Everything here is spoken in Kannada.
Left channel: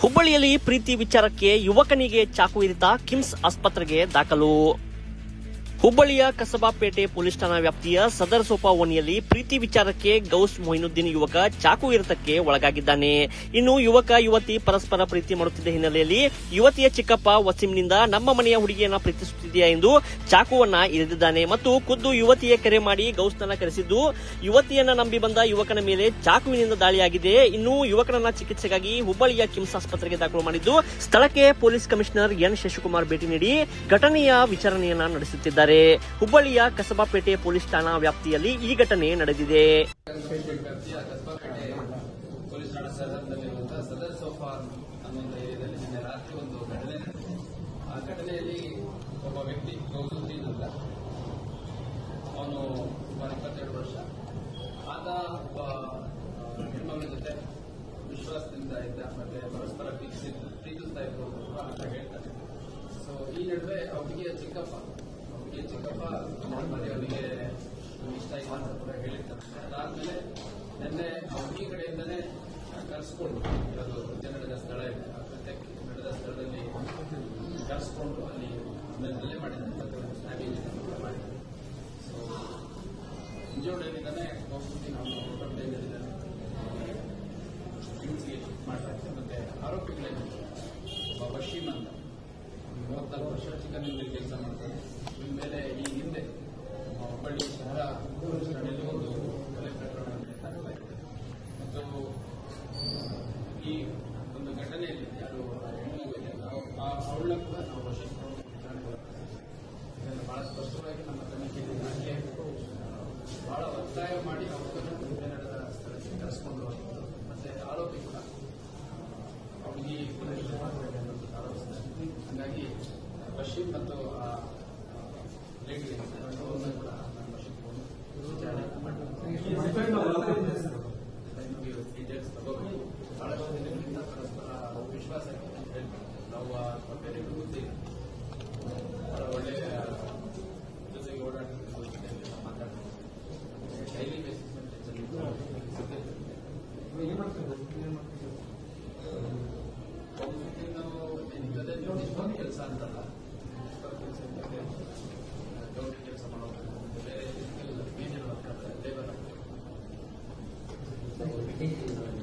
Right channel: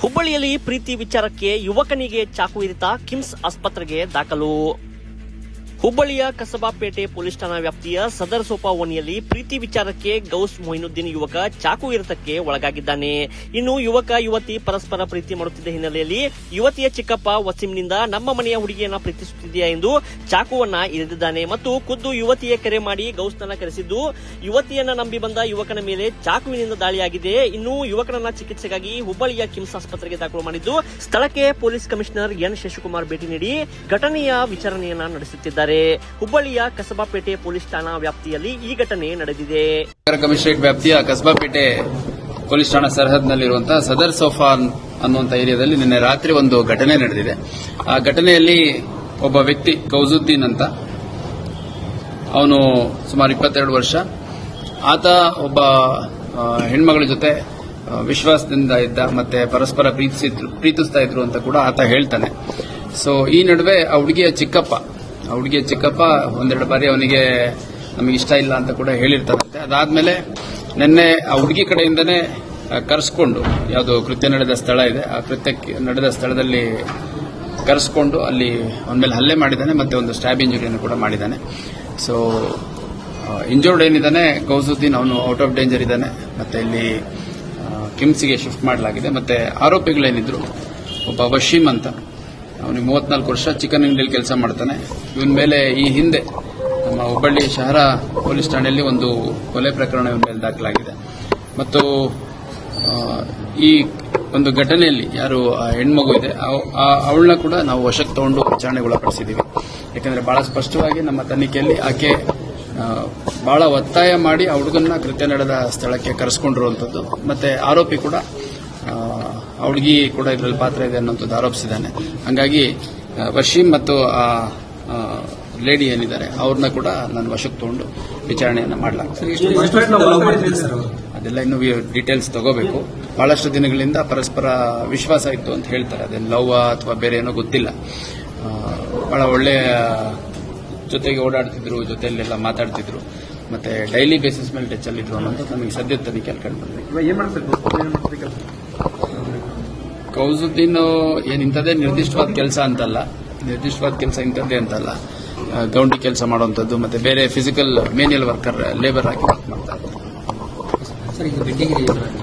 ಹುಬ್ಬಳ್ಳಿಯಲ್ಲಿ ಪ್ರೀತಿ ವಿಚಾರಕ್ಕೆ ಯುವಕನಿಗೆ ಚಾಕು ಇರಿತ ಕಿಮ್ಸ್ ಆಸ್ಪತ್ರೆಗೆ ದಾಖಲು. ಹುಬ್ಬಳ್ಳಿಯ ಕಸಬಾಪೇಟೆ ಪೊಲೀಸ್ ಠಾಣಾ ವ್ಯಾಪ್ತಿಯ ಸದರ್ ಸೋಪಾ ಓಣಿಯಲ್ಲಿ ಪ್ರೀತಿ ವಿಚಾರಕ್ಕೆ ಗೌಸ್ ಮೊಹಿನುದ್ದೀನ್ ಯುವಕ ಚಾಕು ಇರಿತಕ್ಕೆ ಒಳಗಾಗಿದ್ದಾನೆ. ಇನ್ನು ಯುವಕ ಯುವತಿ ಪರಸ್ಪರ ಪ್ರೀತಿ ಮಾಡುತ್ತಿದ್ದ ಹಿನ್ನೆಲೆಯಲ್ಲಿ ಯುವತಿಯ ಚಿಕ್ಕಪ್ಪ ವಸೀಂನಿಂದ ನಮ್ಮ ಮನೆಯ ಹುಡುಗಿಯನ್ನ ಪ್ರೀತಿಸುತ್ತಿದೆಯಾ ಎಂದು ಚಾಕುವನ್ನ ಇರಿದಿದ್ದಾನೆ ಮತ್ತು ಖುದ್ದು ಯುವತಿಯ ಕರೆ ಮಾಡಿ ಗೌಸ್ನನ್ನ ಕರೆಸಿದ್ದು ಯುವತಿಯನ್ನ ನಂಬಿ ಬಂದ ಯುವಕನ ಮೇಲೆ ಚಾಕುವಿನಿಂದ ದಾಳಿಯಾಗಿದೆ. ಇನ್ನು ಯುವಕನನ್ನ ಚಿಕಿತ್ಸೆಗಾಗಿ ಹುಬ್ಬಳ್ಳಿಯ ಕಿಮ್ಸ್ ಆಸ್ಪತ್ರೆಗೆ ದಾಖಲು ಮಾಡಿದ್ದು ಸ್ಥಳಕ್ಕೆ ಪೊಲೀಸ್ ಕಮಿಷನರ್ ಎನ್ ಶಶಿಕುಮಾರ್ ಭೇಟಿ ನೀಡಿ ಘಟನೆಯ ವಿಚಾರಣೆಯನ್ನ ನಡೆಸುತ್ತಿದ್ದಾರೆ. ಹುಬ್ಬಳ್ಳಿಯ ಕಸಬಾಪೇಟೆ ಪೊಲೀಸ್ ಠಾಣಾ ವ್ಯಾಪ್ತಿಯಲ್ಲಿ ಈ ಘಟನೆ ನಡೆದಿದೆ. ಕಮಿಷನರೇಟ್ ವ್ಯಾಪ್ತಿಯ ಕಸಬಾಪೇಟೆ ಪೊಲೀಸ್ ಠಾಣಾ ಸರಹದ್ನಲ್ಲಿರುವಂತಹ ಸದರ್ ಸೋಫಾ ಅನ್ನುವಂಥ ಏರಿಯಾದಲ್ಲಿ ನಿನ್ನೆ ರಾತ್ರಿ ಒಂದು ಘಟನೆ ನಡೆದಿದೆ. ಆ ಘಟನೆಯಲ್ಲಿ ಒಬ್ಬ ವ್ಯಕ್ತಿ ಗೌಸುದ್ದೀನ್ ಅಂತ, ಅವನು ಸುಮಾರು 22 ವರ್ಷ. ಆತ ಒಬ್ಬ ಹೆಣ್ಮಗಳ ಜೊತೆ ವಿಶ್ವಾಸದಿಂದ ಇದ್ದ, ಮತ್ತೆ ಪರಸ್ಪರ ಪ್ರೀತಿಸ್ತಾ ಇದ್ರು ಅಂತ ಕೂಡ ಆತ ಹೇಳ್ತಾನೆ. ಸೊ ಈ ನಡುವೆ ಆ ಹುಡುಗಿಯ ಚಿಕ್ಕಪ್ಪ ಒಂದೆರಡು ಬಾರಿ ಅವನಿಗೆ ನಮಗೆ ಇಷ್ಟ ಇಲ್ಲ ಅಂತ ಕೂಡ ಹೇಳಿರ್ತಾರಂತೆ. ಅದಾದ್ಮೇಲೆ ನಿನ್ನೆ ಆ ಹುಡುಗಿ ಕಡೆಯಿಂದನೇ ಕರೆಸ್ಕೊಂಡು, ಯಾವುದು ಕೃತ್ಯ ನಡೆದ ಸ್ಥಳ ಇದೆ, ಆ ಕೃತ್ಯಕ್ಕೆ ನಡೆದ ಸ್ಥಳದಲ್ಲಿ ಕರೆಸ್ಕೊಂಡು ಅಲ್ಲಿ ಅವನ ಮೇಲೆ ಹಲ್ಲೆ ಮಾಡಿದ್ದಾನೆ, ಮತ್ತೆ ಒಂದು ಸ್ಟ್ಯಾಬ್ ಇಂಜುರಿಯನ್ನು ಕೂಡ ಮಾಡಿದ್ದಾನೆ. ಸೊ ಇಂಜೋರ್ಡ್ ಏನಿದ್ದಾನೆ ಗೌಸುದ್ದೀನ್, ಅವನು ಔಟ್ ಆಫ್ ಡೇಂಜರ್ ಇದ್ದಾನೆ. ಮತ್ತೆ ಇಲ್ಲಿ ಕಿಮ್ಸ್ಗೆ ಶಿಫ್ಟ್ ಮಾಡಲಾಗಿದೆ. ಮತ್ತೆ ಆರೋಪಿಗಳೇನಿದ್ರು, ಒಬ್ಬ ವಶೀಮ್ ಅಂತ, ಅವನಿಗೆ 34 ವರ್ಷ, ಚಿಕನ್ ಅಂಗಡಿಯಲ್ಲಿ ಕೆಲಸ ಮಾಡ್ತಾನೆ. ಇವನ ಮೇಲೆ ಈ ಹಿಂದೆ ನಮ್ಮ ಹುಬ್ಬಳ್ಳಿ ಶಹರ ಪೊಲೀಸ್ ಠಾಣೆಯಲ್ಲಿ ಒಂದು ಕೊಲೆ ಪ್ರಕರಣ ಇವನ ಮೇಲೆ ದಾಖಲಾಗಿದೆ. ಮತ್ತು ಈ ಒಂದು ಘಟನೆಯಲ್ಲಿ ಯಾರು ಹೆಣ್ಮಗು ಇದೆ ಅವಳನ್ನ ಕೂಡ ನಾವು ವಶಕ್ಕೆ ತಗೊಂಡು ವಿಚಾರಣೆಗೊಳಪಡಿಸಿದ್ದೀವಿ. ಯಾಕಂದ್ರೆ ಬಹಳ ಸ್ಪಷ್ಟವಾಗಿ ನಮ್ಮ ತನಿಖೆಯಲ್ಲಿ ಆಕೆ ಬಹಳ ಒತ್ತಾಯ ಮಾಡಿ ಆ ಹುಡುಗನ್ನ ಕೃತ್ಯ ನಡೆದ ಸ್ಥಳಕ್ಕೆ ಕರೆಸ್ಕೊಂಡಿರುವಂಥದ್ದು. ಮತ್ತೆ ಆರೋಪಿ ಕೂಡ ಹುಡುಗಿ ಕೂಡ ಇದರಲ್ಲಿ ಪಾತ್ರ ಇದೆ ಅನ್ನೋಂಥದ್ದು ಆರೋಪಿಸಿದ್ದಾನೆ. ಹಂಗಾಗಿ ವಶೀಮ್ ಮತ್ತು ಆ ಲೇಡಿ ಏನಿದ್ದಾರೆ ಅವ್ರನ್ನ ಕೂಡ ನಾನು ವಶಕ್ಕೆ ತಗೊಂಡು ವಿಚಾರಣೆಯನ್ನು ಮಾಡಲಾಗ್ತದೆ. ಅದೆಲ್ಲ ಇನ್ನೂ ಡೀಟೇಲ್ಸ್ ತಗೋಬೇಕು. ಬಹಳಷ್ಟು ದಿನಗಳಿಂದ ಪರಸ್ಪರ ವಿಶ್ವಾಸ ಇತ್ತು ಅಂತ ಹೇಳ್ತಾರೆ. ಅದೇನು ಲವ್ ಅಥವಾ ಬೇರೆ ಏನೋ ಗೊತ್ತಿಲ್ಲ. ಬಹಳ ಒಳ್ಳೆಯ ಜೊತೆಗೆ ಓಡಾಡ್ತಿದ್ರು, ಜೊತೆಯಲ್ಲೆಲ್ಲ ಮಾತಾಡ್ತಿದ್ರು, ಮತ್ತೆ ಡೈಲಿ ಬೇಸಿಸ್ ಮೇಲೆ ಟಚ್ ಅಲ್ಲಿದ್ರು ಅನ್ನೋದು ನಮಗೆ ಸದ್ಯದ ತನಿಖೆ ಕಂಡು ಬಂದಿದೆ. ಗೌಸುದ್ದೀನ್ ಏನು ಇಂಥದ್ದೇ ನಿರ್ದಿಷ್ಟವಾದ ಕೆಲಸ ಅಂತಲ್ಲ, ಇಂಥದ್ದೇ ಅಂತಲ್ಲ. ಗೌಂಡಿ ಕೆಲಸ ಮಾಡುವಂಥದ್ದು, ಮತ್ತೆ ಬೇರೆ ಫಿಸಿಕಲ್ ಮೇನ್ಯಲ್ ವರ್ಕರ್, ಲೇಬರ್ ಆಗಿ ವರ್ಕ್ ಮಾಡ್ತಾ ಇದ್ದಾರೆ.